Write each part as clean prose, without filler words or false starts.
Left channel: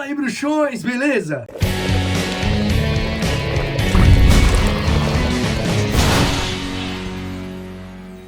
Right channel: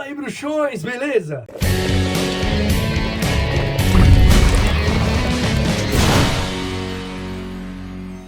Fala aí, bruxões, beleza?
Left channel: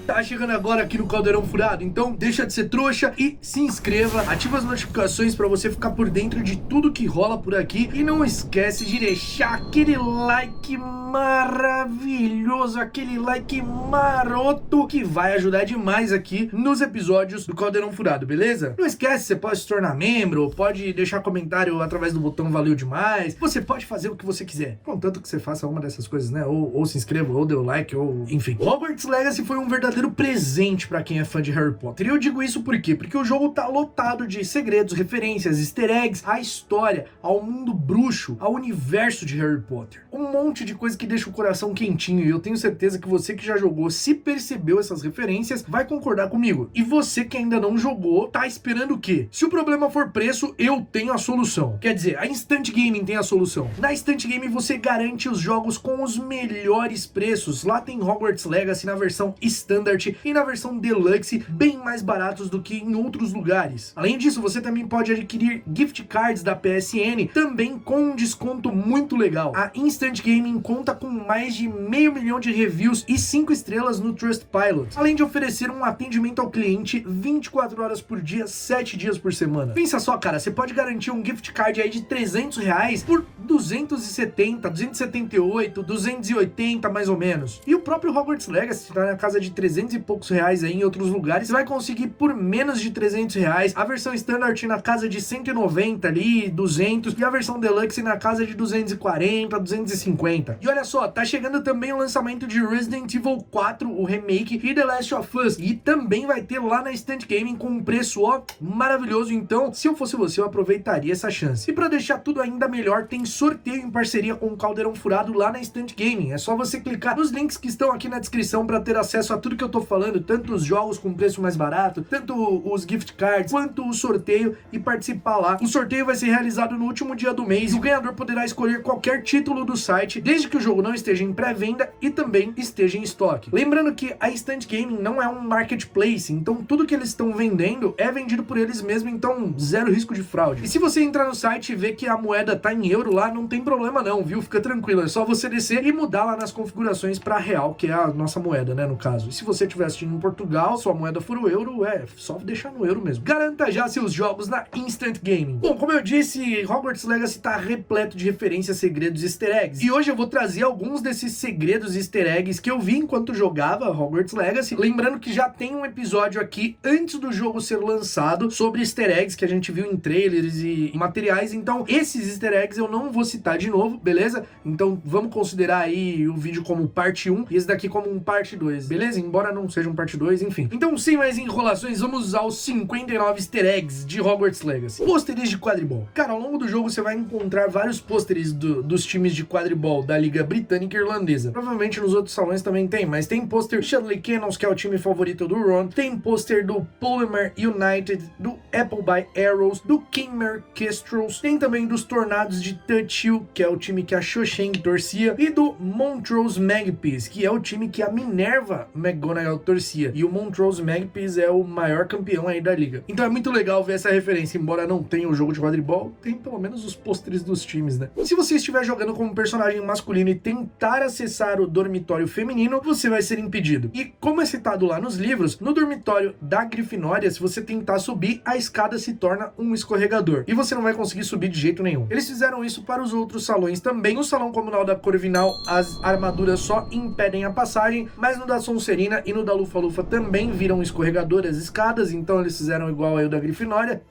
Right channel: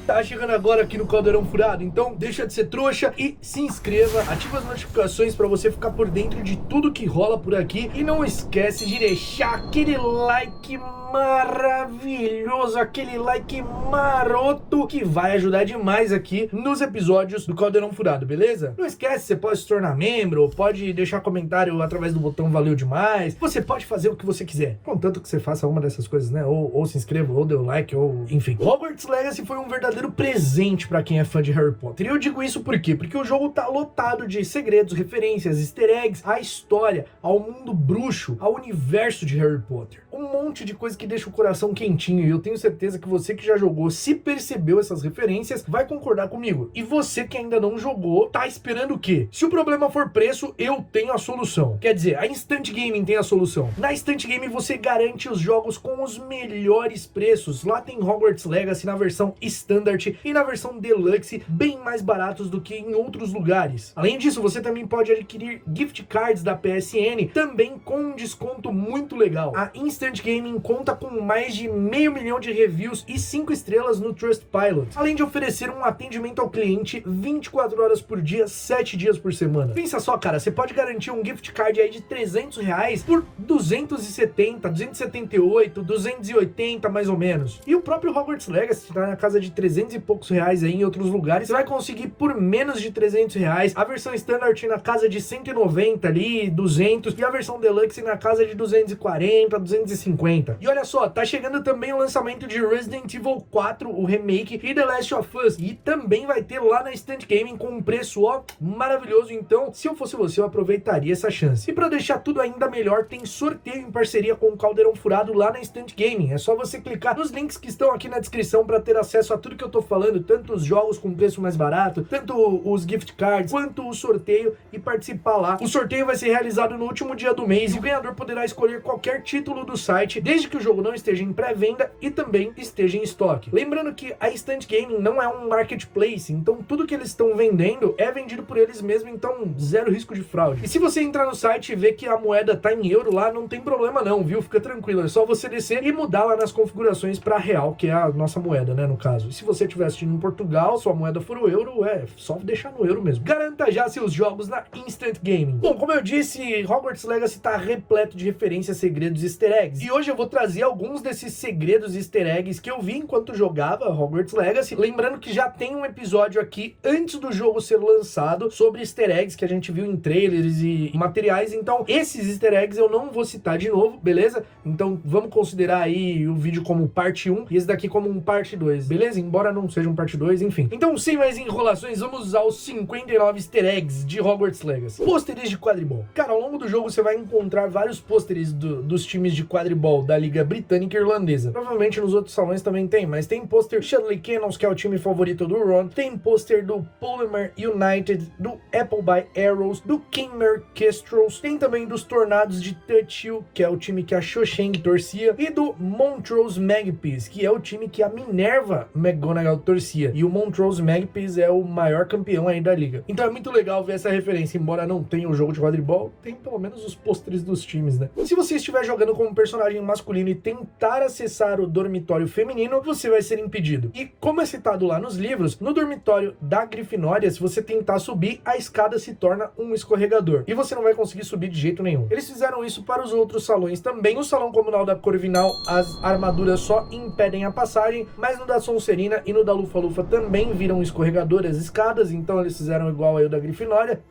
Tá chegando agora aqui no Caldeirão Furado, então deixa de ser trouxa e se inscreva, ativa as notificações pra você ficar por dentro de tudo que rola por aqui e não esquece de deixar aquele like maravilhoso, aquele like maroto que vai ajudar demais aqui nos episódios do Caldeirão Furado, beleza? Não esquece, você pode se tornar membro, pode deixar comentário através do botão valeu demais, você pode fazer o que você quiser, contanto que você faça uma dessas coisas, né? Ou se inscreva, ou dê o like, ou enfim. Hogwarts Legacy foi um verdadeiro presente pra quem é fã de Harry Potter. E eu digo isso por quê? Porque o jogo tá lotado de segredos, referências, easter eggs, a história, ao mundo bruxo, ao universo de Harry Potter. Um monte de coisa que deixa o coração quentinho, e eu tenho certeza que você que já jogou, se percebeu essas referências, vai concordar comigo. E você que ainda não jogou, tá esperando o quê? Se o problema for preço, eu tenho a solução. Quer dizer, a Instant Gaming tem a solução. Na Instant Gaming você garante os jogos com os melhores preços. Lá tem Hogwarts Legacy na versão Standard e na versão Deluxe, bem mais baratos do que em outros lugares. Além disso, você também pode adquirir gift cards da PSN, também com um desconto muito legal. A Instant Gaming conta com mais de 500 mil de reviews e 5 estrelas no Trustpilot, além de oferecer um atendimento ao cliente 24 horas por dia, 7 dias por semana. Pensa só, cara, você pode garantir um gift card aí de R$300 por 270, 278, 280 mais ou menos. E o próprio Hogwarts Legacy tá na casa de 300 e poucos reais aí em outros lugares, você vai conseguir por menos de R$300. A versão Standard na casa de 190 ali, 200, e a versão Deluxe na casa de 240, 250. E olha só, tá chegando também o lançamento de Resident Evil 4, o remake, e The Last of Us, e também vai ter lá na Instant Gaming com um preço, ó, maravilhoso. Então, se eu fosse você, eu aproveitaria essa chance. E pra deixar tudo ainda melhor, tem sorteio em parceria com o Caldeirão Furado lá na Instant Gaming. É só você clicar nos links que estão aqui na descrição pra ter acesso a tudo que eu tô falando, tanto os jogos com preço mais barato, tanto os gift cards, quanto o sorteio, e participar lá. O sorteio vai ser realizado no último dia do mês e o ganhador poderá escolher qualquer título do site, desde que o jogo não esteja em pré-venda e também esteja em estoque. Lembrando que a Instant Gaming não é um marketplace, então tudo que eles estão vendendo é vendido por eles mesmos, então zero risco de fraude. E se você entrar no site e ver que a moeda tá em euro lá, não tem problema não, viu? Fica tranquilo, é só você descer e mudar lá nas configurações para real, que é a nossa moeda, né, no caso. E se você estiver assistindo em Portugal, sua moeda for o euro, é só deixar no euro mesmo. Garanta já seus jogos na Instant Gaming. Bom, como eu disse, Hogwarts Legacy tá repleto de referências, segredos e easter eggs. E hoje eu vou trazer alguns desses segredos e easter eggs que eu vi enquanto jogava Hogwarts Legacy. Lembrando que já tem um episódio aqui antes do jogo ser lançado sobre easter eggs que a gente viu em trailers e materiais. Então, esses easter eggs eu não vou citar de novo, beleza? Então, vamos considerar aí o vídeo como parte 1 e esse daqui como um parte 2, beleza? Embora não seja um parte 2, enfim. Então, sem mais enrolações, vamos usar os 59 easter eggs de Hogwarts Legacy. Pôsteres de quadribol. Cara, ao longo do jogo você vai encontrar vários pôsteres dos times de quadribol da Liga Britânica e Irlandesa. Provavelmente nos outros salões também tem, mas tem pôster Chudley Cannons, que é o time favorito do Ron, tem pôster do Polymer United, do Appleby Arrows, do Kingmere Kestrels, tem também dos Tornados de Touch Hill, que é o time que a Cho Chang torcia, e do Montrose Magpies, que é o time que a Minerva McGonagall torcia. E o Montrose Magpies é o maior campeão aí da liga. Então é muito legal ver essa referência, embora não tenha o jogo de quadribol, tem pelo menos os pôsteres dos times, né? E se você estiver jogando como personagem masculino e tentar acessar o dormitório feminino, você vai ser impedido. E como é citado lá nos livros, no dormitório da Grifinória, se você tentar subir, a escada se torna um escorregador e você não vai conseguir subir de jeito nenhum. Eles fizeram isso para os outros salões também. No salão comunal da Corvinal, as armaduras só impedem a passagem, mas no da Sonserina e no da Lufa-Lufa também viram escorregador as escadas, então eles fizeram igual aí o da Grifinória.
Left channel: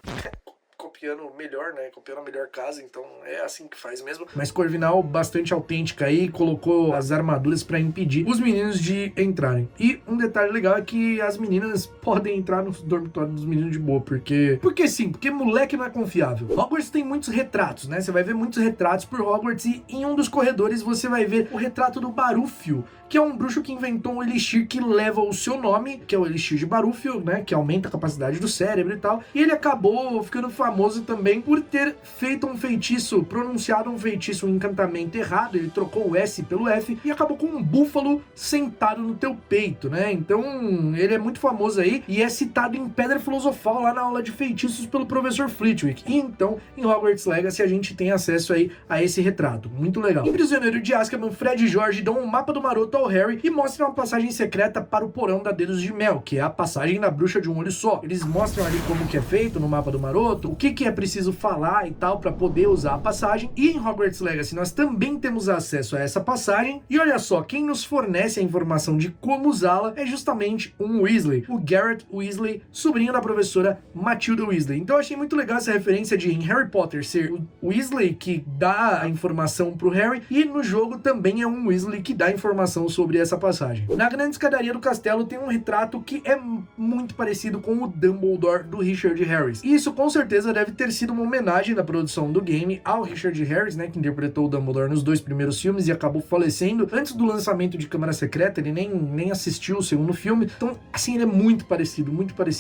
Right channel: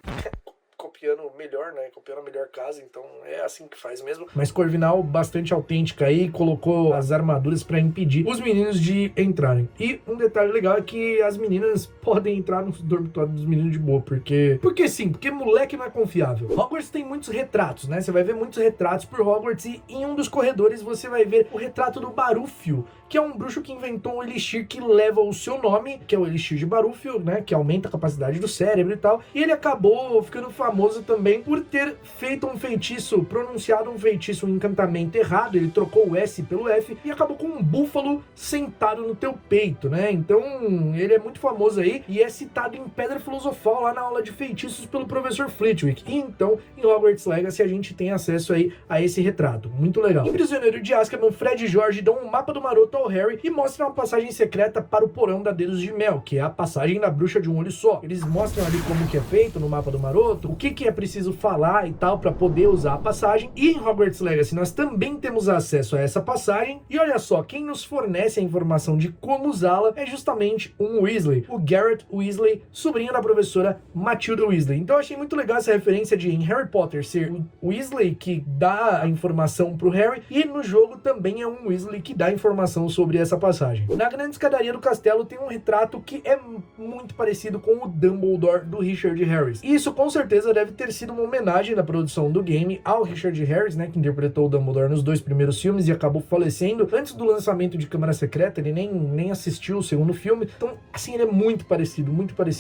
Copiando melhor, né? Copiando a melhor casa, então é assim que faz mesmo. Mas Corvinal bastante autêntica aí, colocou as armaduras pra impedir os meninos de entrarem. E um detalhe legal é que as meninas podem entrar no dormitório dos meninos de boa, porque sim, porque moleque não é confiável. Hogwarts tem muitos retratos, né? Você vai ver muitos retratos por Hogwarts e em um dos corredores você vai ver o retrato do Barúfio, que é um bruxo que inventou um elixir que leva o seu nome, que é o elixir de Barúfio, né, que aumenta a capacidade do cérebro e tal, e ele acabou ficando famoso também por ter feito um feitiço, pronunciado um feitiço, um encantamento errado, ele trocou o S pelo F e acabou com um búfalo sentado no teu peito, né, então ele é muito famoso aí e é citado em Pedra Filosofal lá na aula de feitiços pelo professor Flitwick, e então em Hogwarts Legacy a gente tem acesso aí a esse retrato, muito legal. Em Prisioneiro de Azkaban, Fred e George dão um mapa do maroto ao Harry e mostram uma passagem secreta para o porão da Dedos de Mel, que é a passagem da bruxa de um olho só. Eles mostram ali como que é feito no mapa do maroto, o que é preciso falar e tal para poder usar a passagem, e em Hogwarts Legacy nós também temos acesso a essa passagem, e olha só, quem nos fornece a informação de como usá-la é justamente um Weasley, o Garrett Weasley, sobrinho da professora Matilda Weasley. Então eu achei muito legal essa referência de em Harry Potter ser o Weasley que dá a informação pro Harry, e no jogo também é um Weasley que dá informação sobre essa passagem. Na grande escadaria do castelo tem um retrato que é muito parecido com o Dumbledore do Richard Harris. E isso com certeza deve ter sido uma homenagem da produção do game ao Richard Harris, né, que interpretou o Dumbledore nos 2 primeiros filmes e acabou falecendo antes do lançamento de Câmara Secreta, ele nem assistiu o segundo filme. Então, assim, ele é muito parecido,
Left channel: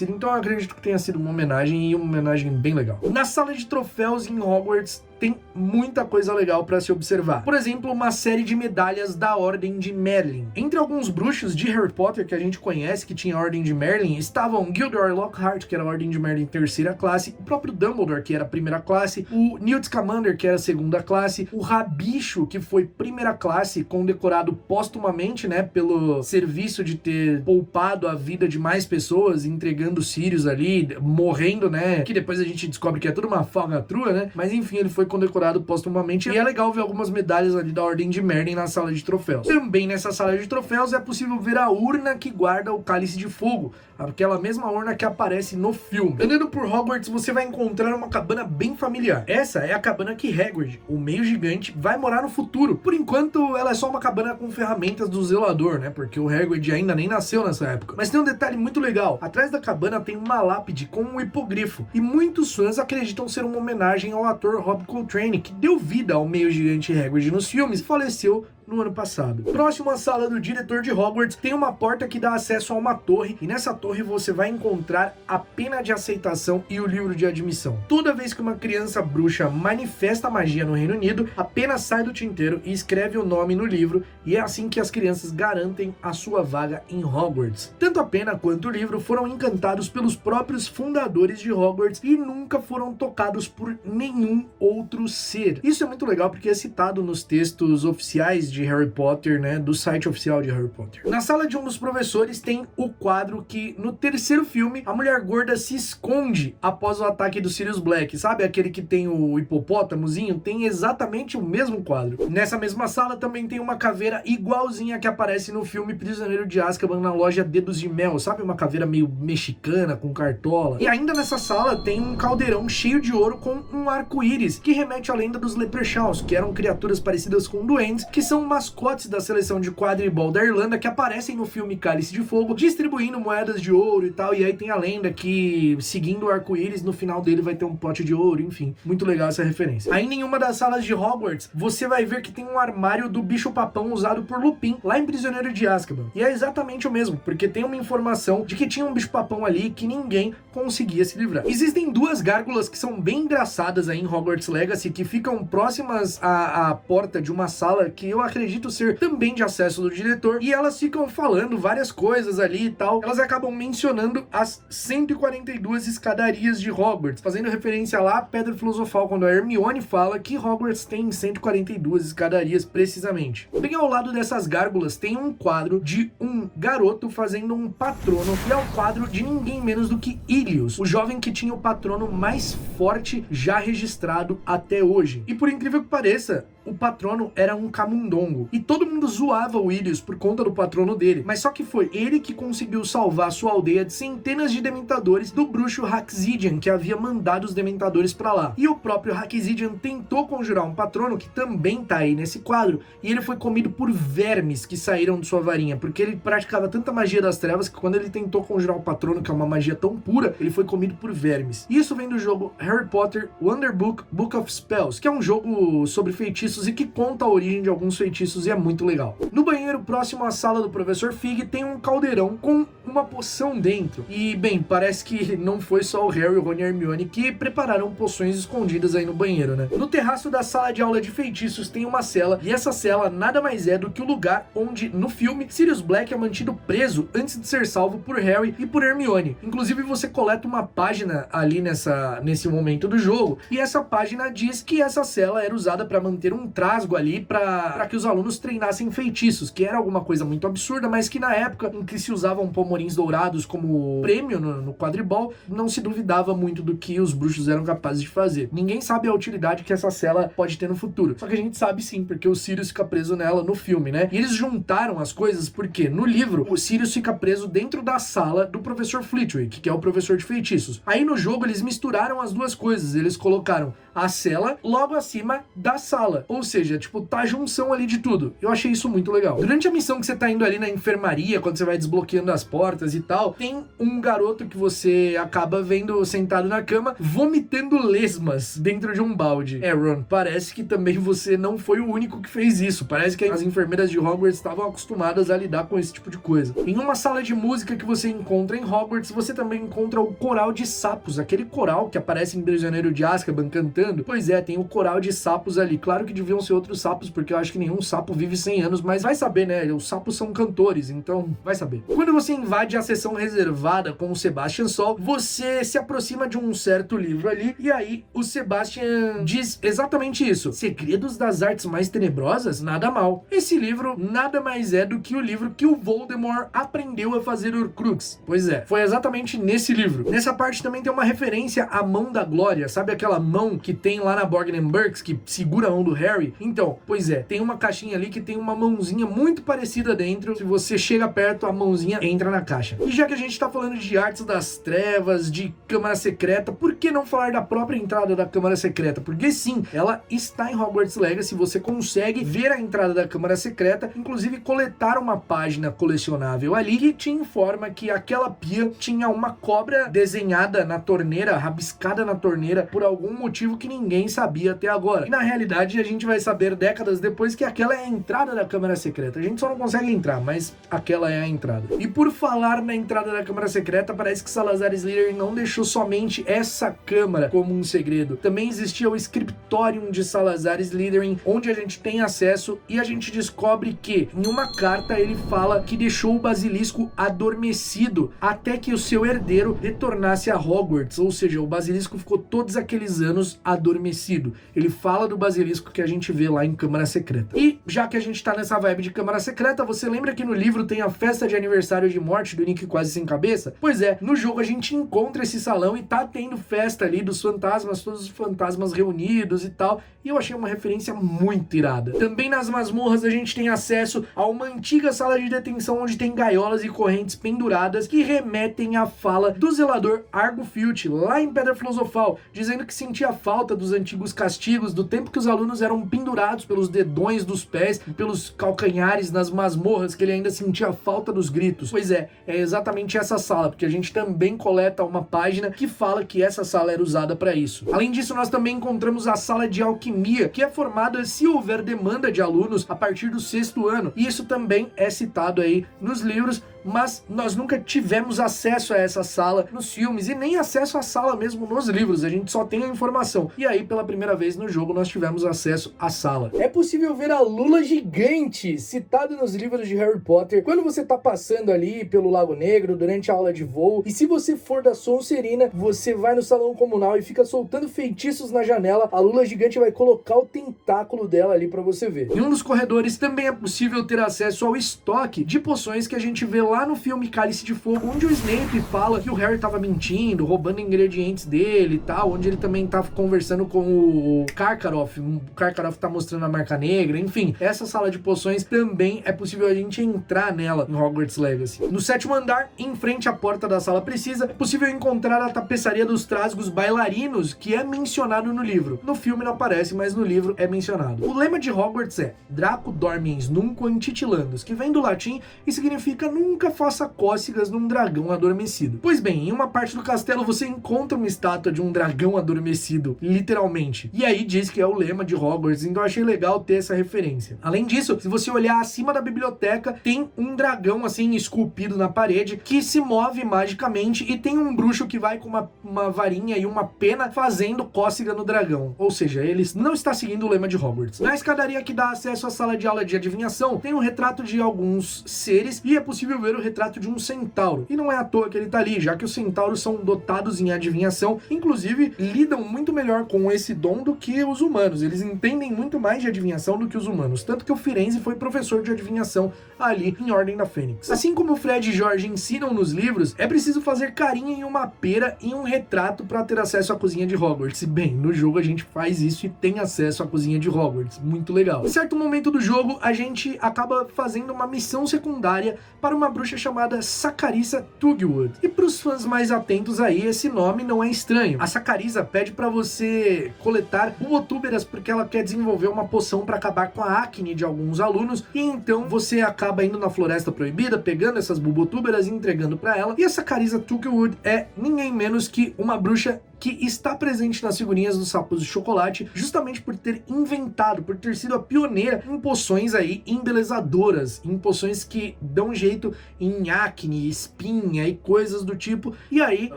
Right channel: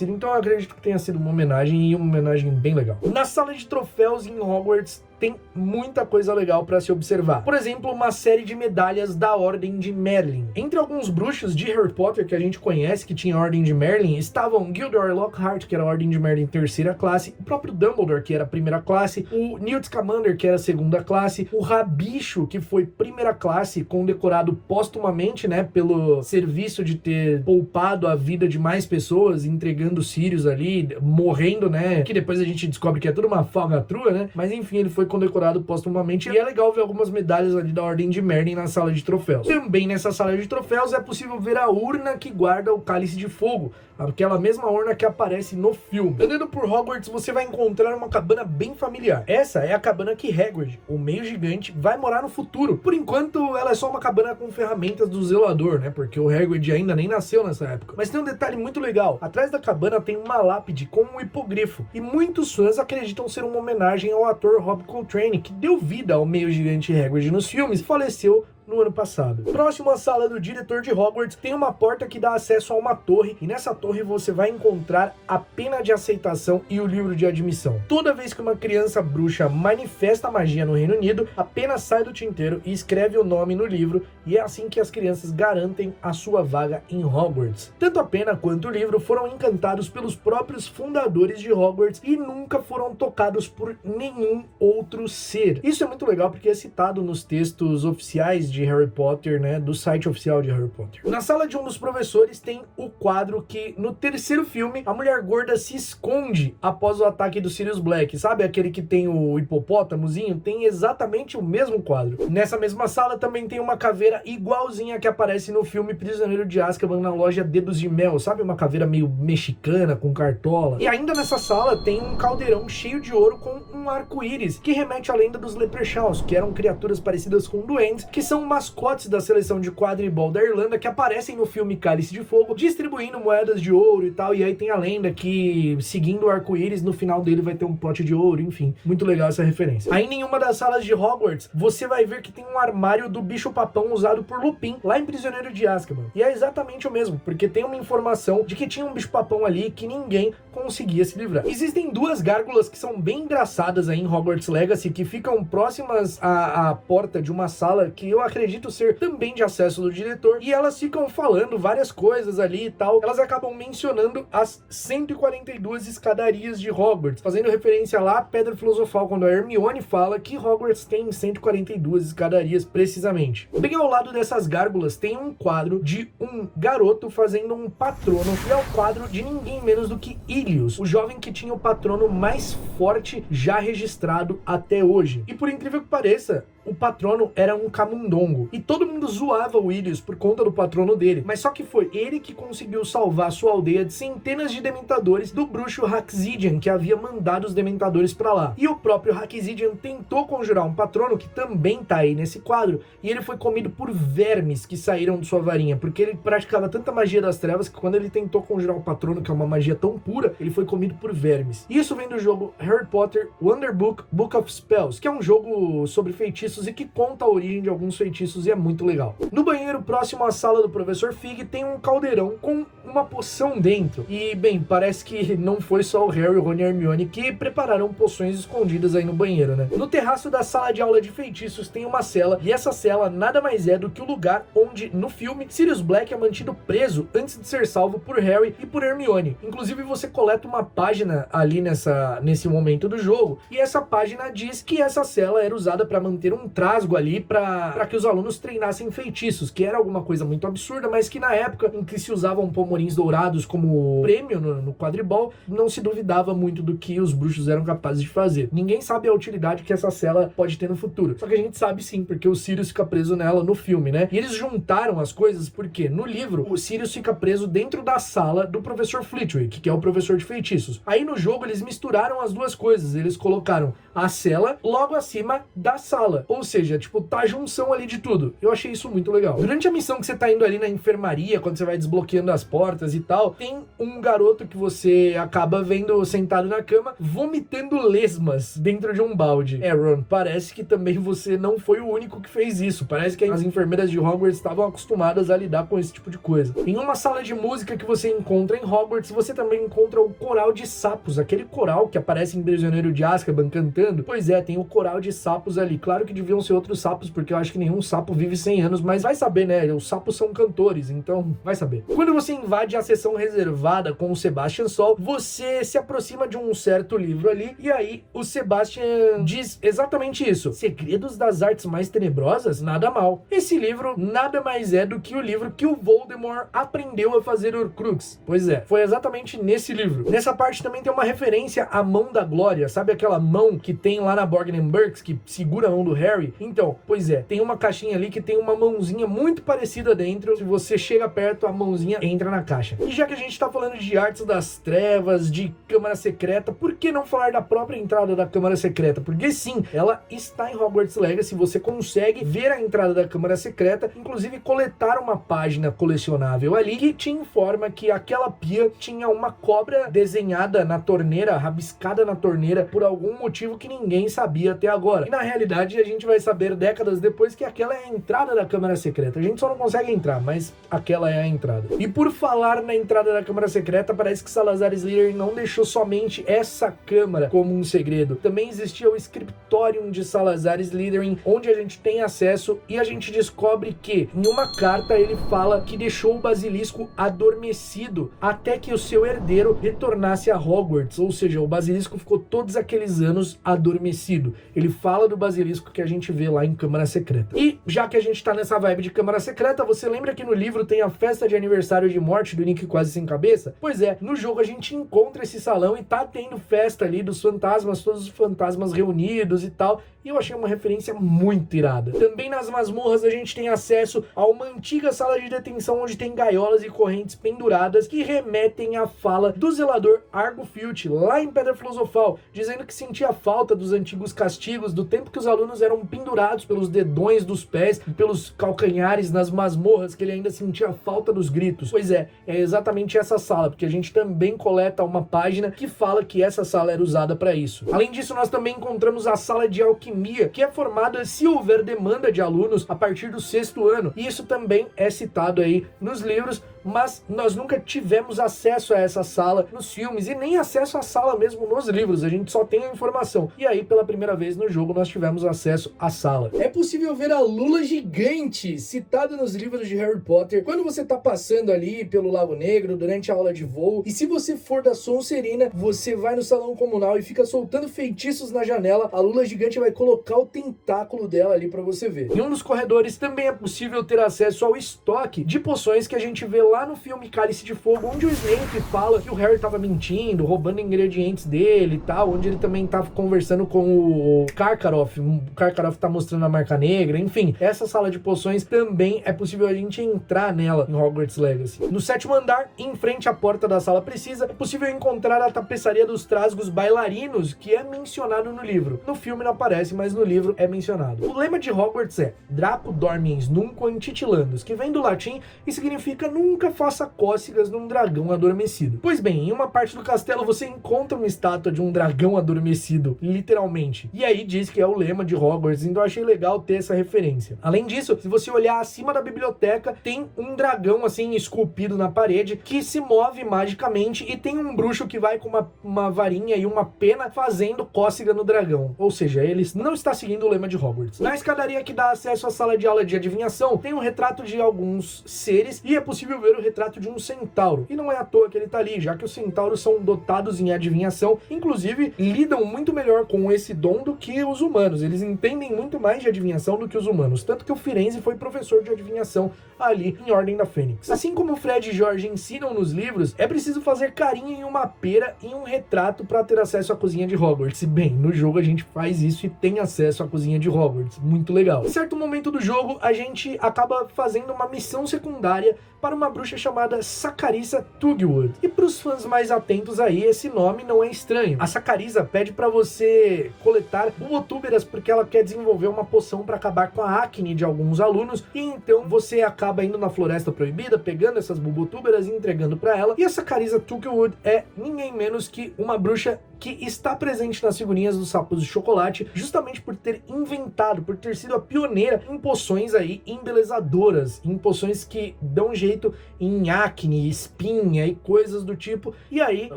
então eu acredito que tenha sido uma homenagem, e uma homenagem bem legal. Na sala de troféus em Hogwarts tem muita coisa legal para se observar. Por exemplo, uma série de medalhas da Ordem de Merlin. Entre alguns bruxos de Harry Potter que a gente conhece que tinha a Ordem de Merlin, estavam Gilderoy Lockhart, que era a Ordem de Merlin 3ª classe, o próprio Dumbledore, que era a 1ª classe, o Newt Scamander, que era a 2ª classe, o Rabicho, que foi 1ª classe, condecorado póstumamente, né, pelo serviço de ter poupado a vida de mais pessoas, entregando Sirius ali, morrendo, né, que depois a gente descobre que é tudo uma falcatrua, né, mas enfim, ele foi condecorado póstumamente, e é legal ver algumas medalhas ali da Ordem de Merlin na sala de troféus. Também nessa sala de troféus é possível ver a urna que guarda o Cálice de Fogo, aquela mesma urna que aparece no filme. Andando por Hogwarts, você vai encontrar uma cabana bem familiar. Essa é a cabana que Hagrid, o meio gigante, vai morar no futuro. Por enquanto, ela é só uma cabana com ferramentas do zelador, né? Porque o Hagrid ainda nem nasceu nessa época. Mas tem um detalhe muito legal. Atrás da cabana tem uma lápide com um hipogrifo. E muitos fãs acreditam ser uma homenagem ao ator Rob Coltrane, que deu vida ao meio gigante Hagrid nos filmes e faleceu no ano passado. Próximo à sala do diretor de Hogwarts, tem uma porta que dá acesso a uma torre, e nessa torre você vai encontrar a pena de aceitação e o livro de admissão. Toda vez que uma criança bruxa manifesta magia no Reino Unido, a pena sai do tinteiro e escreve o nome no livro, e é assim que as crianças garantem a sua vaga em Hogwarts. Tanto a pena quanto o livro foram encantados pelos próprios fundadores de Hogwarts e nunca foram tocados por nenhum outro ser. Isso é muito legal porque é citado nos textos oficiais de Harry Potter, né, do site oficial de Harry Potter. Na sala de um dos professores tem o quadro que, no 3º filme, a mulher gorda se esconde após o ataque do Sirius Black. Sabe aquele que tem o hipopótamozinho? Tem exatamente o mesmo quadro. Nessa mesma sala também tem uma caveira igualzinha que aparece no filme Prisioneiro de Azkaban na loja Dedos de Mel. Sabe, uma caveira meio mexicana, com cartola. E ainda nessa sala tem um caldeirão cheio de ouro com um arco-íris, que remete à lenda dos Leprechauns, que eram criaturas parecidas com duendes, que são mascotes da seleção de quadribol da Irlanda, que aparecem no filme Cálice de Fogo, distribuindo moedas de ouro e tal, e aí tem a lenda que, seguindo o arco-íris, no final dele vai ter um pote de ouro, enfim, muito legal essa referência. Aí em uma das salas de Hogwarts, você vai ver que tem um armário do bicho-papão usado por Lupin, lá em Prisioneiro de Azkaban, e é exatamente o mesmo, porque tem uma informação de que tinha um bicho-papão ali que ninguém conseguia se livrar. Existem 2 gárgulas que são bem engraçadas aí em Hogwarts Legacy, que ficam próximas à porta de uma sala que eu acredito ser também de acesso do diretor, e elas ficam falando várias coisas ali e tal. Elas acabam mencionando as 142 escadarias de Hogwarts, fazendo referência lá à Pedra Filosofal, quando a Hermione fala que Hogwarts tem 142 escadarias precisamente. Bem ao lado dessas gárgulas tem um quadro de um garoto fazendo um patrono, e é o quadro de ninguém menos do que Ilius, o jovem que tinha o patrono mais forte já registrado até hoje. E por incrível que pareça, o patrono era um camundongo, e todo mundo zoava o Ilius por conta do patrono dele, mas só que foi ele que conseguiu salvar sua aldeia de centenas de dementadores do bruxo Haxidian, que havia mandado os dementadores pra lá. E o próprio Haxidian tentou conjurar um patrono, que também tá aí nesse quadro, e ele foi comido por vermes que saíram de sua varinha, porque ele praticava tanta magia das trevas que quando ele tentou conjurar um patrono, que é uma magia tão pura, ele foi comido por vermes. Isso vem do jogo Harry Potter Wonder Book: Book of Spells, que é um jogo sobre feitiços e que conta a origem de alguns feitiços feitiços e é muito legal. No banheiro próximo à sala do Professor Fig tem um caldeirão com uma poção dentro. E, bem, parece que não foi só o Harry, o Ron e a Hermione que prepararam poções escondidas aí no banheiro, né? No terraço da sala de aula de feitiços tem uma cela, e essa cela nada mais é do que o lugar onde, no filme, Sirius Black é mantido preso antes de ser salvo por Harry e por Hermione. Inclusive, você coleta uma página ali nesse momento do jogo, e essa página diz que essa cela era usada para manter um trasgo ali para que os alunos treinassem feitiços, que era alguma coisa muito absurda, mas que na época em que se usavam pomorins dourados como prêmio no quadribol, não se duvidava muito do que os bruxos eram capazes de fazer. Ninguém sabe a utilidade que essa cela pode ter no futuro, só que a gente sabe sim, porque o Sirius fica preso nela no filme, né? E eles juntaram as coisas porque no livro o Sirius fica preso dentro da sala do Professor Flitwick, que é o professor de feitiços. Aí no jogo eles misturaram as duas coisas, eles colocaram a cela logo acima da sala, ou seja, tipo, tá a junção ali de tudo. Eu achei isso muito legal. Durante a missão que você tá indo ali na enfermaria, quando você vai desbloqueando as portas e tal, tem um garoto que você acaba vendo sentado na cama, vomitando lesmas dentro de um balde. Ron, parece que também você não foi o único que fez isso. Parece que as enfermeiras de Hogwarts estavam acostumadas a lidar com esse tipo de coisa. Em uma sala de música que você encontra em Hogwarts, você também encontra o coral de sapos, aquele coral que aparece em Prisioneiro de Azkaban cantando. Pois é, tem o coral de sapos ali. Claro que deviam ser outros sapos, porque eu acho que nenhum sapo vive 100 anos, mas vai saber, né? Os sapos são cantores, então vai saber. Quando você invade a sessão reservada com o Sebastian Sol, você se aproxima de um certo livro ali, e aí o Sebastian diz exatamente isso. Segredos das Artes Mais Tenebrosas? Nada mal. Esse livro nada mais é do que o livro que o Voldemort aprendeu a fazer Horcrux. Pois é, foi exatamente nesse livro. Nessa parte também tem uma referência à Mão da Glória, sabe aquela mão que tem lá na Borgin Burkes, que segura a mão do Harry? Então, pois é, tem uma caixinha ali que tem uma mãozinha muito parecida dentro. Se você chega perto, a mãozinha entra na caixa. E já que a gente tá falando de Artes das Trevas, de Câmara Secreta, por que não falar da própria entrada da Câmara Secreta? Porque sim, ela está em Hogwarts Legacy, você consegue ver a entrada da Câmara Secreta, inclusive coletar uma página colecionável ali que te informa que aquela pia tinha uma cobra desenhada na torneira, rabiscada na torneira, por algum motivo que ninguém sabia até agora. E na realidade a gente vai saber décadas depois que aquela é a entrada da Câmara Secreta. A gente só não consegue entrar, mas aquela é a entrada. E por falar na entrada da Câmara Secreta, parece que Salazar Slytherin não deixou somente essa câmara como um segredo. Também existia o Scriptorium de Salazar Slytherin, onde a gente tem acesso e a gente descobre que em uma carta ele fala que deixou o basilisco adormecido até que o seu herdeiro retornasse a Hogwarts, ou seja, o basilisco ficou todos aqueles anos adormecido. Ele fala do basilisco que a gente vê lá em Câmara Secreta. E já que a gente tá nessa vibe de Câmara Secreta, você lembra que no livro tem a festa de aniversário de morte do Nick Quase Sem Cabeça? Pois é, no jogo a gente encontra esse salão e tá tendo festa ali dos fantasmas, todos os fantasmas reunidos e tal, e eu achei uma referência muito irada. Também nas masmorras a gente tem acesso a uma antiga sala de detenção onde tem gaiolas e correntes penduradas que remetem à fala do zelador Argo Filch lá em Pedra Filosofal, dizendo que sentia falta dos antigos castigos, do tempo que os alunos eram pendurados pelos dedões dos pés, pelos calcanhares nas masmorras, que ele ainda sentia falta dos gritos. Pois é exatamente essa sala, porque a gente também coleta uma página que fala que essa sala era usada para isso. Além disso, nós também encontramos a sala de alquimia, que é formada se houver demanda de alunos a partir do 6º ano, e isso também é citado aí nos livros, mas nós nunca tivemos acesso a essa sala nos filmes e nem acesso à sala mesmo nos livros, a gente só tem a informação. E aí, pela primeira vez no jogo, nós tivemos acesso à sala. É possível ver a Lula gigante, citada nos livros de Harry Potter, quando você tá passando ali pelo Lago Negro, durante a aula de voo, e se você for da Sonserina, você vai no salão comunal e fica soltando feitiços na janela, a Lula gigante vai colocar o tentáculo dela ali pra você ver. Em um dos corredores também é possível ter acesso ao estoque de poções que a gente vê lá no filme Cálice de Fogo, onde o Snape fala que o Harry tava mentindo, roubando ingredientes dele e tal, onde ele também tá conversando com o Karkaroff, o Karkaroff tá mostrando a marca negra, enfim, essa sala de poções também é possível a gente entrar nela em Hogwarts Legacy. No 7º andar, em frente à porta da sala precisa, é possível encontrar a tapeçaria dos trasgos bailarinos, que é mencionado no livro. No filme não aparece, mas no livro é mencionado. O lema de Hogwarts é Draco Dormiens Nunquam Titilandus, que vem do latim e significa nunca nunca faça cócegas num dragão adormecido. Pois bem, em uma parte do castelo você encontra uma estátua de um dragão adormecido, literalmente. E aí diz que é o lema de Hogwarts, então eu achei legal ter essa referência. Além disso, se você olhar acima da biblioteca, tem um dragão assim esculpido na parede que se move magicamente e tem um bruxo que vai com uma varinha e uma pena fazendo cócega no dragão. Ou seja, ele não está seguindo o lema de Hogwarts. Na escadaria que dá acesso à sala de aula de adivinhação, tem um retrato de alguns seres e é possível ver o retrato de um centauro. E não é à toa que ele tá ali, já que os centauros são dotados em adivinhação, inclusive lidam muito melhor com esse dom do que os humanos. Eles entendem muito mais de adivinhação do que os humanos, tanto que o Firenze foi professor de adivinhação ali em Ordem da Fênix. Assim como o Fred e George ensinam nos livros, é preciso fazer carinho em uma pera e um retrato para ter acesso à cozinha de Hogwarts. Bem, no jogo a gente faz isso e tem acesso à cozinha de Hogwarts. Muito legal. Em certo momento do jogo, a gente acaba fazendo uma missão secundária para uma bruxa chamada Saccharissa Tugwood. E para os fãs mais atentos aí, esse nome não é estranho. A Saccharissa pede para você coletar bulbotúberas porque ela quer desenvolver uma poção para acabar com a acne de alguns alunos, e então você acaba indo na Floresta Proibida, pegando essas bulbotúberas e entregando para ela. E a Saccharissa Tugwood é ninguém menos que uma bruxa que está presente nas figurinhas dos Sapos de Chocolate, justamente por ter inventado, por ter sido a pioneira em poções aí embelezadoras, em poções que dão jeito em acne, espinha e coisas do tipo. E aí,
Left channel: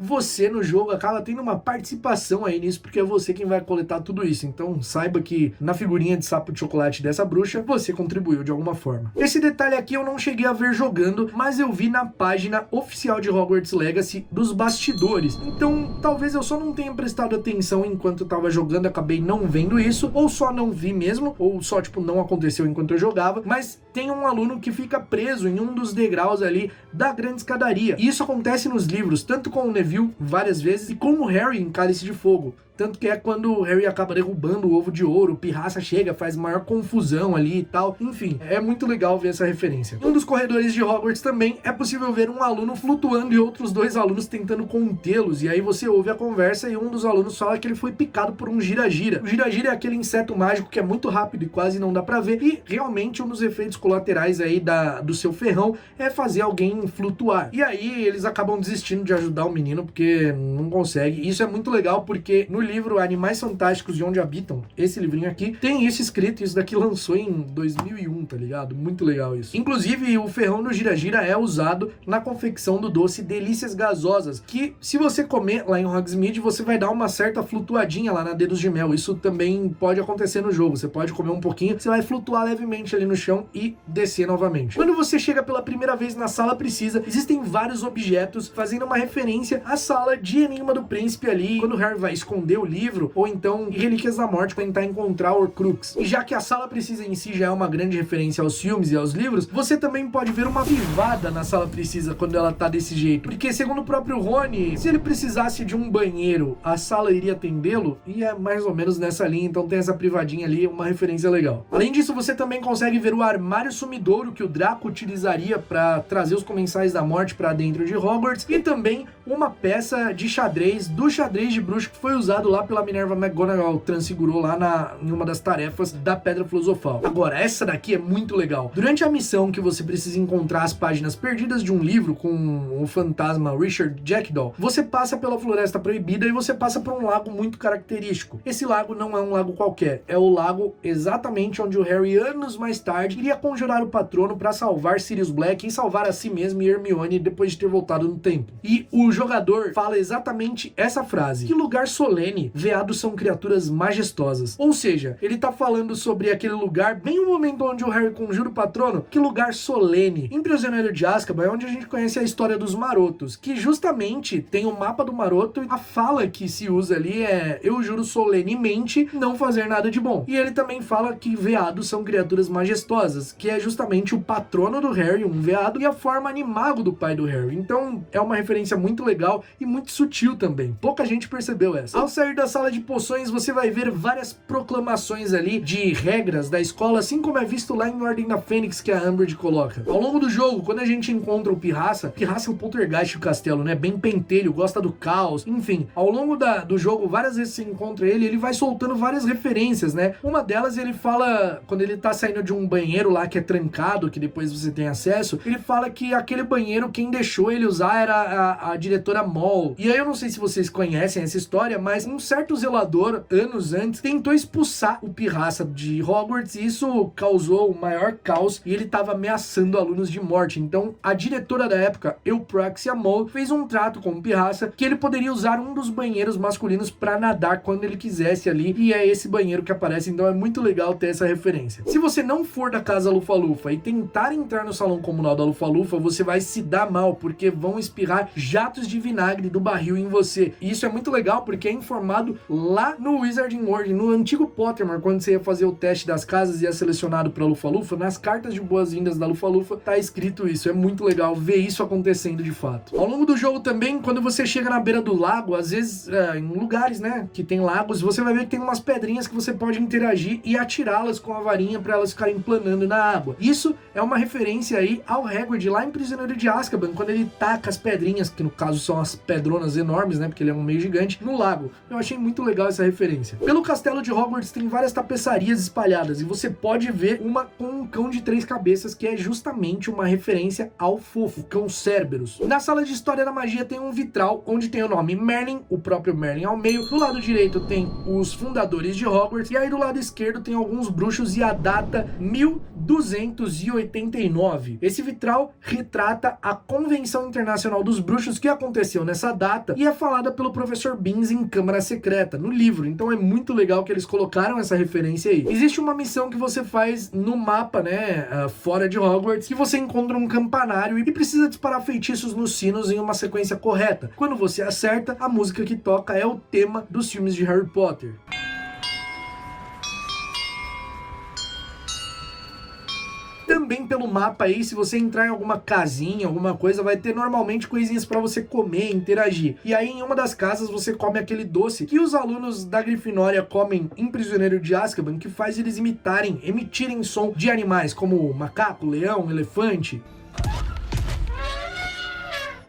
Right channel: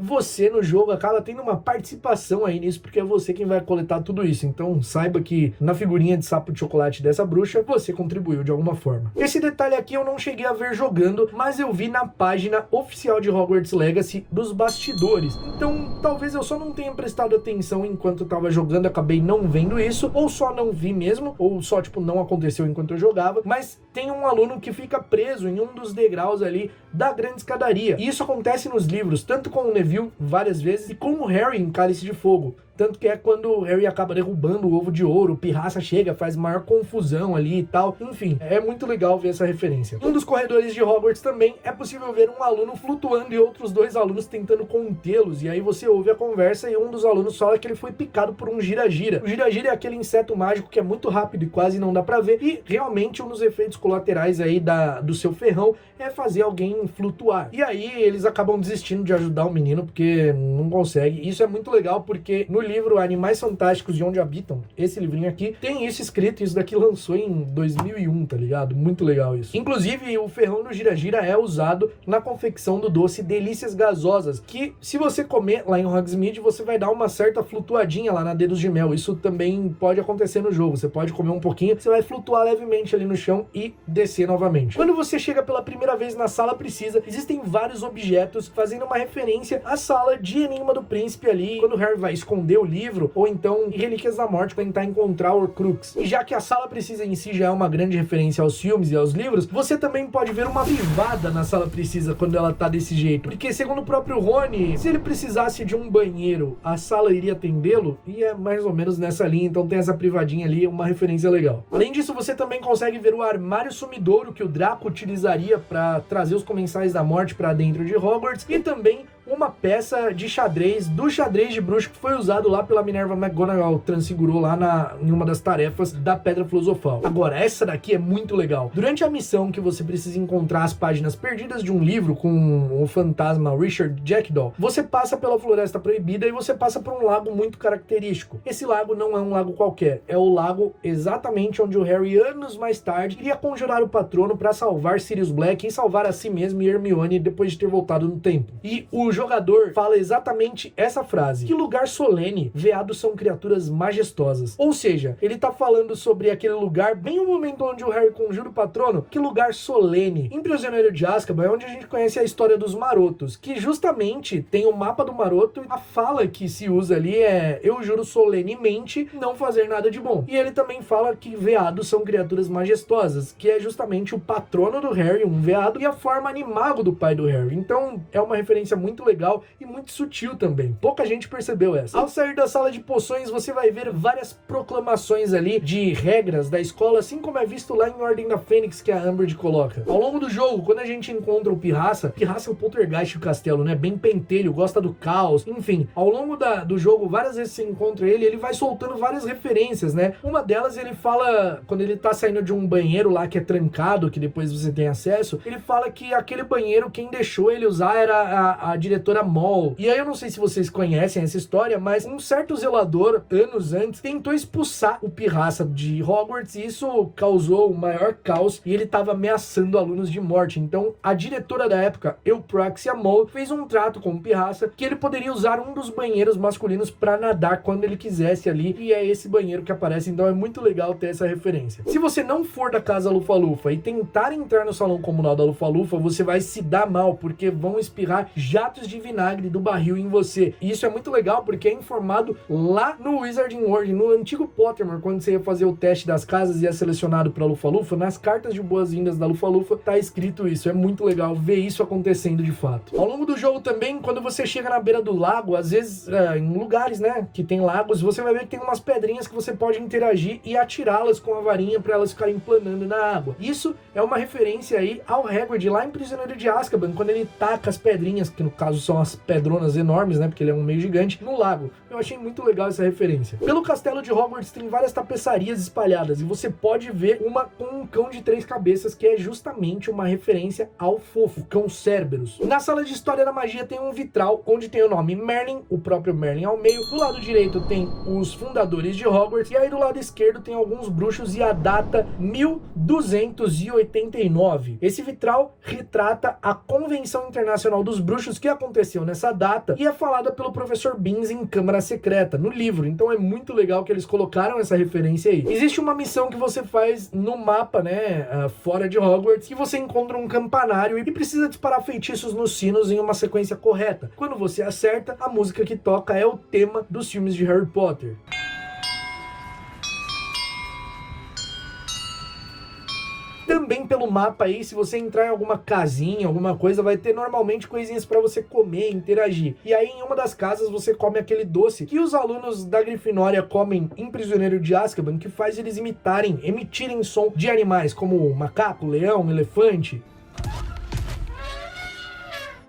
você no jogo acaba tendo uma participação aí nisso, porque é você quem vai coletar tudo isso. Então, saiba que na figurinha de Sapo de Chocolate dessa bruxa, você contribuiu de alguma forma. Esse detalhe aqui eu não cheguei a ver jogando, mas eu vi na página oficial de Hogwarts Legacy dos bastidores. Então, talvez eu só não tenha prestado atenção enquanto eu tava jogando, acabei não vendo isso, ou só não vi mesmo, ou só, tipo, não aconteceu enquanto eu jogava, mas tem um aluno que fica preso em um dos degraus ali da grande escadaria. E isso acontece nos livros, tanto com o Neville várias vezes, e com o Harry em Cálice de Fogo. Tanto que é quando o Harry acaba derrubando o ovo de ouro, o Pirraça chega, faz maior confusão ali e tal. Enfim, é muito legal ver essa referência. Um dos corredores de Hogwarts também é possível ver um aluno flutuando e outros dois alunos tentando contê-los. E aí você ouve a conversa e um dos alunos fala que ele foi picado por um gira-gira. O gira-gira é aquele inseto mágico que é muito rápido e quase não dá pra ver. E realmente um dos efeitos colaterais aí do seu ferrão é fazer alguém flutuar. E aí eles acabam desistindo de ajudar o menino porque não consegue. Isso é muito legal porque no livro Animais Fantásticos e Onde Habitam, esse livrinho aqui, tem isso escrito, isso daqui lançou em 2001, tá ligado? Muito legal isso. Inclusive, o ferrão do gira-gira é usado na confecção do doce Delícias Gasosas, que se você comer lá em Hogsmeade, você vai dar uma certa flutuadinha lá na Dedos de Mel. Isso também pode acontecer no jogo. Você pode comer um pouquinho, você vai flutuar levemente ali no chão e descer novamente. Quando você chega pela primeira vez na Sala Precisa, existem vários objetos fazendo uma referência à sala de Enigma do Príncipe ali, quando o Harry vai esconder o livro, ou então Relíquias da Morte para tentar encontrar o Horcrux. E já que a Sala Precisa em si já é uma grande referência aos filmes e aos livros, você também pode ver uma privada na Sala Precisa quando ela tá desse jeito. Porque segundo o próprio Rony, se ele precisasse de um banheiro, a sala iria atendê-lo, e é mais ou menos nessa linha, então tem essa privadinha ali, uma referência legal. Além disso, você também consegue ver o armário sumidouro que o Draco utilizaria para trazer os Comensais da Morte para dentro de Hogwarts, e também uma peça de xadrez, do xadrez de bruxo que foi usado lá pela Minerva McGonagall, transfigurou lá em uma das tarefas da Pedra Filosofal. Agora, essa daqui é muito legal. Durante a missão que você precisa encontrar as páginas perdidas de um livro com o fantasma Richard Jackdaw, você passa pela Floresta Proibida e você passa por um lago muito característico. Esse lago não é um lago qualquer, é o lago exatamente onde o Harry, anos mais tarde, iria conjurar o patrono para salvar Sirius Black e salvar a si mesmo e Hermione depois de ter voltado no tempo. E o jogador fala exatamente essa frase: que lugar solene, veados são criaturas majestosas. Ou seja, ele tá falando sobre aquele lugar, bem o momento onde o Harry conjura o patrono, que lugar solene. Em Prisioneiro de Azkaban é onde a gente conhece a história dos marotos, que justamente tem o mapa do maroto, e a fala que se usa ali é: eu juro solenemente não fazer nada de bom. E ele também fala que veados são criaturas majestosas, que é justamente o patrono do Harry, um veado, e a forma animago do pai do Harry. Então é uma referência muito legal e muito sutil também. Pouca gente percebeu essa. Ao sair da sala de poções, você vai ver várias proclamações ali de regras da escola, assim como é visto lá em Ordem da Fênix, que a Umbridge coloca. Ao longo do jogo, quando a gente encontra o Pirraça é o poltergeist do castelo, né? Bem pentelho, gosta do caos, enfim. Ao longo do jogo, várias vezes você encontra ele vai soltando várias referências, né? Uma delas, ele fala, quando ele tá saindo de um banheiro lá que é trancado, que depois você tem acesso, ele fala que aquele banheiro, quem deixou ele usar era a diretora Moll. E aí eu não sei se vocês conhecem essa história, mas um certo zelador, anos antes, tentou expulsar o Pirraça de Hogwarts e isso causou o maior caos e ele tava ameaçando alunos de morte. Então, a diretora da época, Eupraxia Moll, fez um trato com o Pirraça que ele poderia usar um dos banheiros masculinos para nadar quando ele quisesse ali, e é esse banheiro que aparece, então é muito legal ter essa referência. Se você não for da casa Lufa-Lufa e tentar entrar no salão comunal da Lufa-Lufa, você vai se dar mal, porque vão espirrar jatos de vinagre do barril em você. E isso é muito legal porque é informado lá no Wizarding World, no antigo Pottermore, quando você ia fazer o teste das casas e ia selecionado para Lufa-Lufa, nas cartas de boas-vindas da Lufa-Lufa tá escrito isso. É muito legal ver isso acontecendo de fato. Ao longo do jogo também, quando você chega na beira do lago, às vezes em lugares, né, que tem lagos, você vai ver que tem umas pedrinhas que você pode interagir e atirá-las com a varinha para elas ficarem planando na água. Isso é uma referência aí ao Hagrid lá em Prisioneiro de Azkaban, quando ele taca as pedrinhas, que no caso são as pedronas enormes, né, porque ele é um meio gigante, no lago. Eu achei muito legal essa referência. Pelo castelo de Hogwarts tem várias tapeçarias espalhadas e você pode ver uma com um cão de 3 cabeças, que é justamente uma referência ao Fofo, cão Cerberus. Na sala de História da Magia tem um vitral onde tem o nome Merlin, o próprio Merlin ao meio. Do lado direito tem os fundadores de Hogwarts e aí do lado esquerdo tem alguns bruxos e a data 1289. Esse vitral retrata a Convenção Internacional dos Bruxos que aconteceu nessa data e é falada pelo professor Binns em Câmara Secreta, no livro. Então é muito legal que eles colocaram essa referência aí. Existe uma missão que você faz no mapa, né, fora de Hogwarts, que você encontra um campanário e precisa disparar feitiços nos sinos em uma sequência correta. Quando você acerta, a música que toca é o tema dos filmes de Harry Potter. Também pelo mapa aí, se você entrar em alguma casinha, alguma coisa, vai ter normalmente coisinhas pra você comer, interagir. E aí em uma das casas você come aquele doce que os alunos da Grifinória comem em Prisioneiro de Azkaban, que faz eles emitirem som de animais, como macaco, leão, elefante.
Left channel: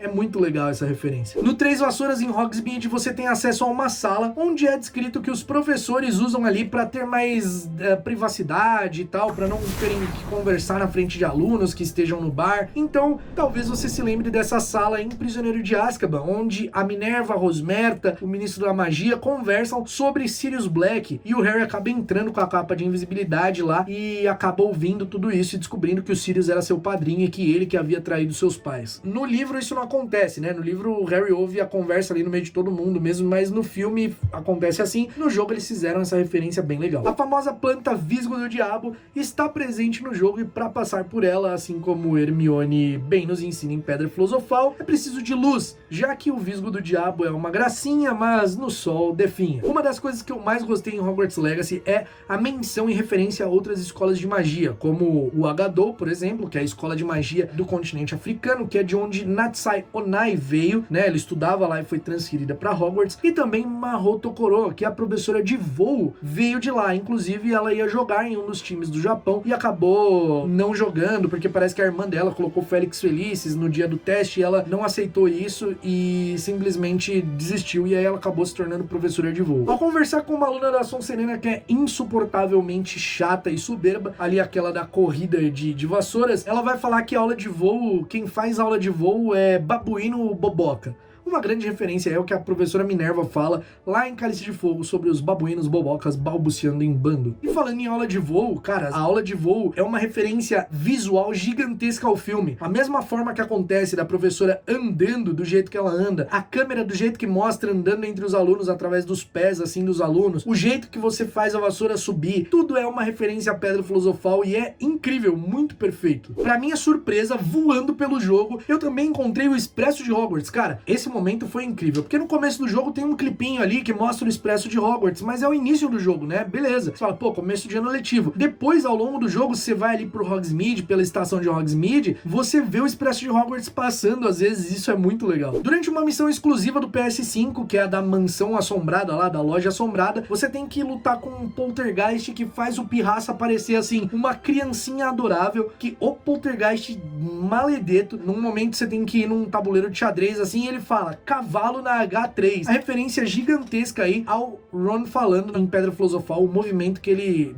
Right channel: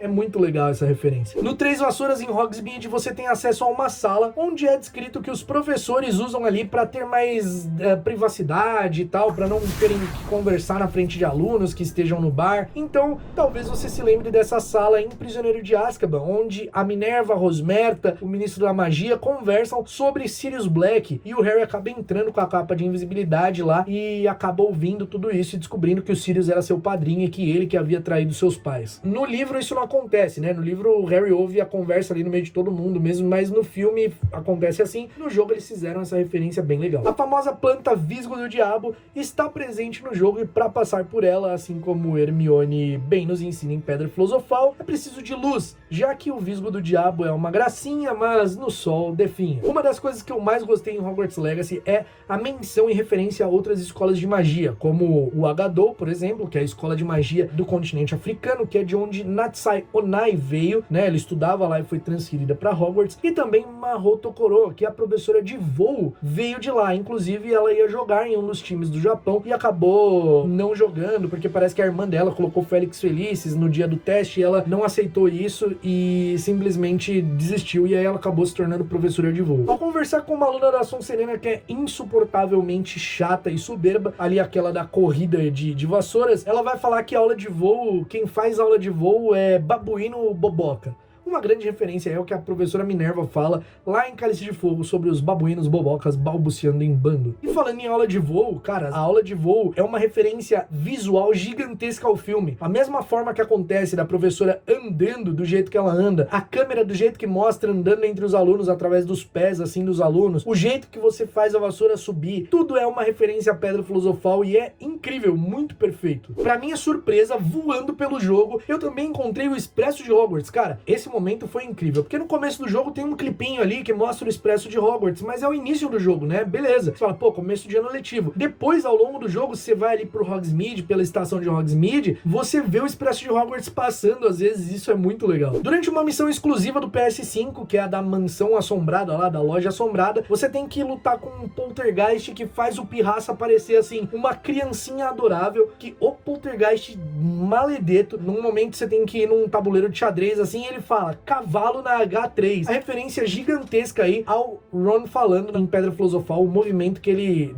É muito legal essa referência. No Três Vassouras em Hogsmeade você tem acesso a uma sala onde é descrito que os professores usam ali para ter mais privacidade e tal, para não terem que conversar na frente de alunos que estejam no bar. Então, talvez você se lembre dessa sala em Prisioneiro de Azkaban, onde a Minerva, a Rosmerta, o Ministro da Magia conversam sobre Sirius Black e o Harry acaba entrando com a capa de invisibilidade lá e acaba ouvindo tudo isso e descobrindo que o Sirius era seu padrinho e que ele que havia traído seus pais. No livro isso não acontece, né? No livro o Harry ouve a conversa ali no meio de todo mundo mesmo, mas no filme acontece assim. No jogo eles fizeram essa referência bem legal. A famosa planta Visgo do Diabo está presente no jogo e para passar por ela, assim como Hermione bem nos ensina em Pedra Filosofal, é preciso de luz, já que o Visgo do Diabo é uma gracinha, mas no sol definha. Uma das coisas que eu mais gostei em Hogwarts Legacy é a menção e referência a outras escolas de magia, como o Agadou, por exemplo, que é a escola de magia do continente africano, que é de onde Natsai Onai veio, né? Ela estudava lá e foi transferida para Hogwarts. E também Mahou Tokoro, que é a professora de voo, veio de lá. Inclusive, ela ia jogar em um dos times do Japão e acabou não jogando, porque parece que a irmã dela colocou Félix Felices no dia do teste e ela não aceitou isso e simplesmente desistiu. E aí ela acabou se tornando professora de voo. Ao conversar com uma aluna da Sonserina que é insuportavelmente chata e soberba, ali aquela da corrida de vassouras, ela vai falar que a aula de voo, quem faz aula de voo é babuíno boboca. Uma grande referência é o que a professora Minerva fala lá em Cálice de Fogo sobre os babuínos bobocas balbuciando em bando. E falando em aula de voo, cara, a aula de voo é uma referência visual gigantesca ao filme. A mesma forma que acontece da professora andando do jeito que ela anda, a câmera do jeito que mostra andando entre os alunos através dos pés, assim, dos alunos, o jeito que você faz a vassoura subir, tudo é uma referência à Pedra Filosofal e é incrível, muito perfeito. Pra minha surpresa, voando pelo jogo, eu também encontrei o Expresso de Hogwarts. Cara, esse momento foi incrível, porque no começo do jogo tem um clipinho ali que mostra o Expresso de Hogwarts, mas é o início do jogo, né? Beleza. Você fala, pô, começo de ano letivo. Depois, ao longo do jogo, você vai ali pro Hogsmeade, pela estação de Hogsmeade, você vê o Expresso de Hogwarts passando, às vezes isso é muito legal. Durante uma missão exclusiva do PS5, que é a da mansão assombrada lá, da loja assombrada, você tem que lutar com um poltergeist que faz o pirraça parecer assim, uma criancinha adorável, que o poltergeist maledeto, num momento você tem que ir num tabuleiro de xadrez assim, e ele fala, cavalo na H3. A referência gigantesca aí ao Ron falando em Pedra Filosofal, o movimento que ele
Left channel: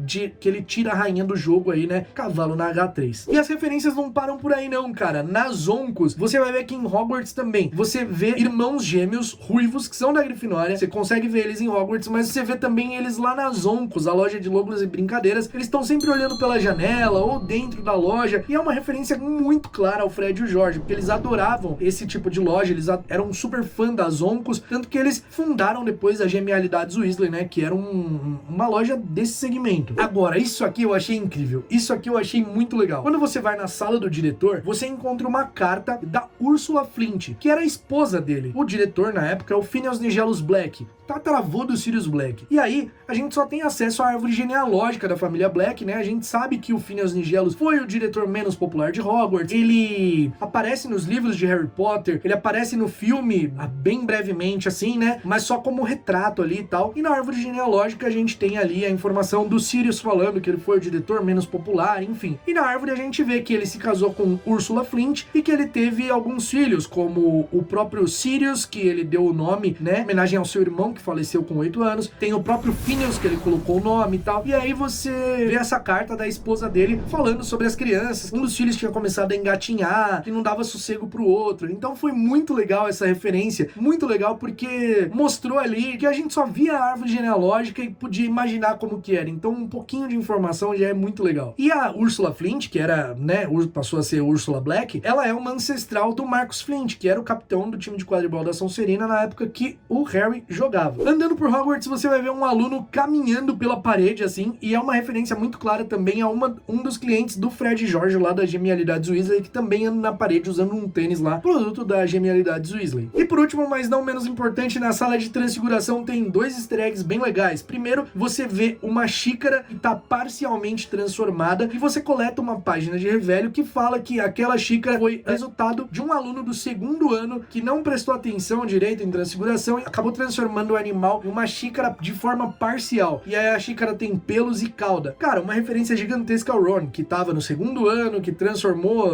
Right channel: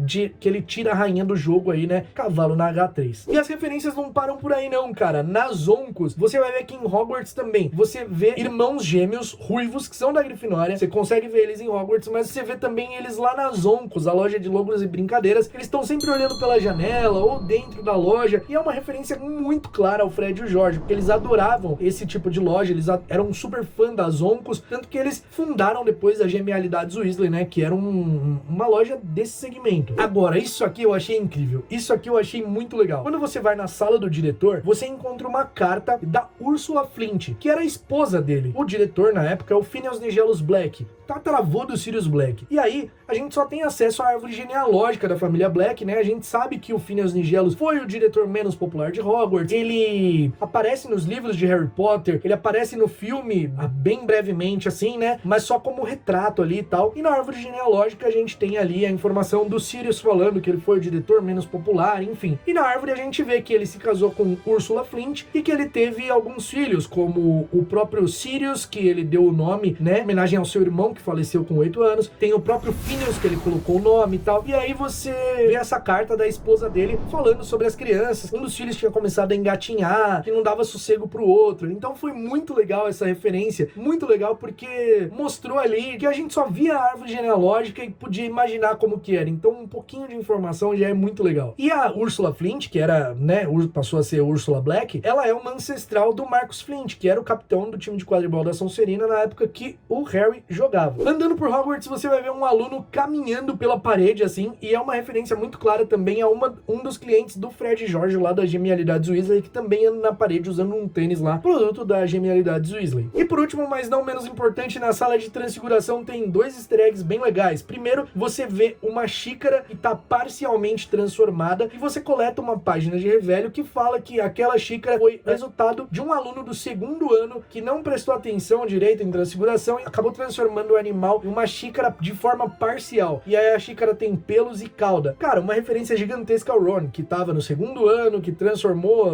tira a rainha do jogo aí, né? Cavalo na H3. E as referências não param por aí não, cara. Nas Oncos, você vai ver que em Hogwarts também, você vê irmãos gêmeos ruivos, que são da Grifinória, você consegue ver eles em Hogwarts, mas você vê também eles lá nas Oncos, a loja de logros e brincadeiras. Eles estão sempre olhando pela janela ou dentro da loja, e é uma referência muito clara ao Fred e o Jorge, porque eles adoravam esse tipo de loja, eles eram super fã das Oncos, tanto que eles fundaram depois a Genialidades Weasley, né, que era uma loja desse segmento. Agora, isso aqui eu achei incrível, isso aqui eu achei muito legal. Quando você vai na sala do diretor, você encontra uma carta da Ursula Flint, que era a esposa dele. O diretor, na época, é o Phineas Nigellus Black, tataravô do Sirius Black. E aí, a gente só tem acesso à árvore genealógica da família Black, né? A gente sabe que o Phineas Nigellus foi o diretor menos popular de Hogwarts, ele aparece nos livros de Harry Potter, ele aparece no filme, bem brevemente assim, né? Mas só como retrato ali e tal. E na árvore genealógica a gente tem ali a informação do Sirius falando que ele foi o diretor menos popular, enfim. E na árvore a gente vê que ele se casou com Ursula Flint e que ele teve alguns filhos, como o próprio Sirius, que ele deu o nome, né? Em homenagem ao seu irmão, que faleceu com 8 anos. Tem o próprio Phineas, que ele colocou o nome e tal. E aí você vê essa carta da esposa dele falando sobre as crianças. Um dos filhos tinha começado a engatinhar, que não dava sossego pro outro. Então foi muito legal essa referência. Muito legal porque mostrou ali que a gente só via a árvore genealógica e podia imaginar como que era. Então um pouquinho de informação já é muito legal. E a Ursula Flint, que era, né, passou a ser Ursula Black, ela é uma ancestral do Marcus Flint, que era o capitão do time de quadribol da Sonserina na época que o Harry jogava. Andando por Hogwarts, você vai ver um aluno caminhando pela parede, assim, e é uma referência muito clara também a um dos clientes do Fred e Jorge lá da Genialidades Weasley, que também anda na parede usando um tênis lá, produto da Genialidades Weasley. E por último, mas não menos importante, na sala de transfiguração tem 2 easter eggs bem legais. Primeiro, você vê uma xícara que tá parcialmente transformada e você coleta uma página de revelio que fala que aquela xícara foi resultado de um aluno do 2º ano que não prestou atenção direito em transfiguração e acabou transformando o animal em uma xícara de forma parcial. E aí a xícara tem pelos e cauda. Cara, uma referência gigantesca ao Ron, que tava no 2º ano, que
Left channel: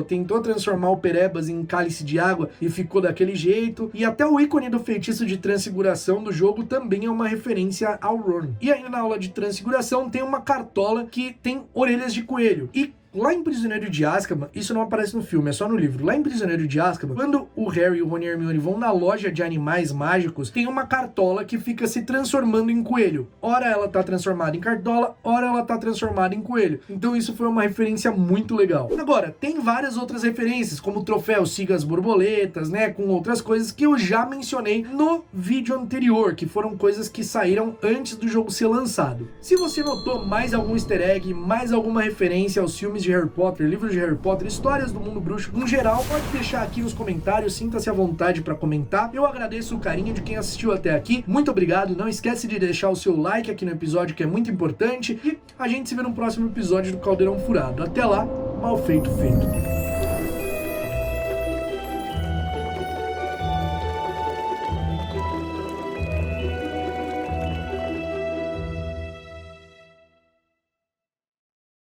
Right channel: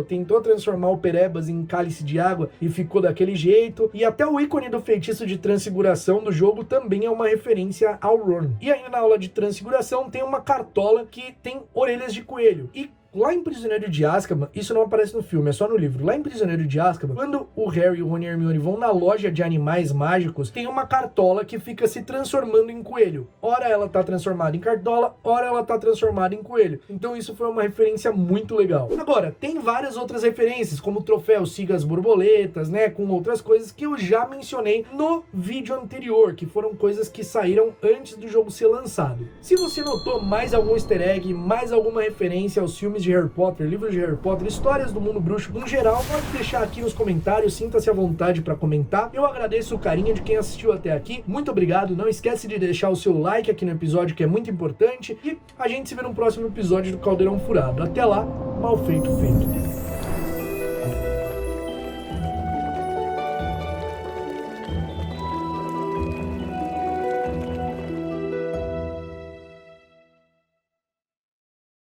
tentou transformar o Perebas em cálice de água e ficou daquele jeito. E até o ícone do feitiço de transfiguração do jogo também é uma referência ao Ron. E ainda na aula de transfiguração tem uma cartola que tem orelhas de coelho. E lá em Prisioneiro de Azkaban, isso não aparece no filme, é só no livro. Lá em Prisioneiro de Azkaban, quando o Harry, o Rony e a Hermione vão na loja de animais mágicos, tem uma cartola que fica se transformando em coelho. Ora ela tá transformada em cartola, ora ela tá transformada em coelho. Então isso foi uma referência muito legal. Agora, tem várias outras referências, como o troféu Siga as Borboletas, né, com outras coisas que eu já mencionei no vídeo anterior, que foram coisas que saíram antes do jogo ser lançado. Se você notou mais algum easter egg, mais alguma referência aos filmes de Harry Potter, livros de Harry Potter, histórias do mundo bruxo em geral, pode deixar aqui nos comentários, sinta-se à vontade para comentar. Eu agradeço o carinho de quem assistiu até aqui, muito obrigado, não esquece de deixar o seu like aqui no episódio, que é muito importante, e a gente se vê no próximo episódio do Caldeirão Furado. Até lá, mal feito, feito.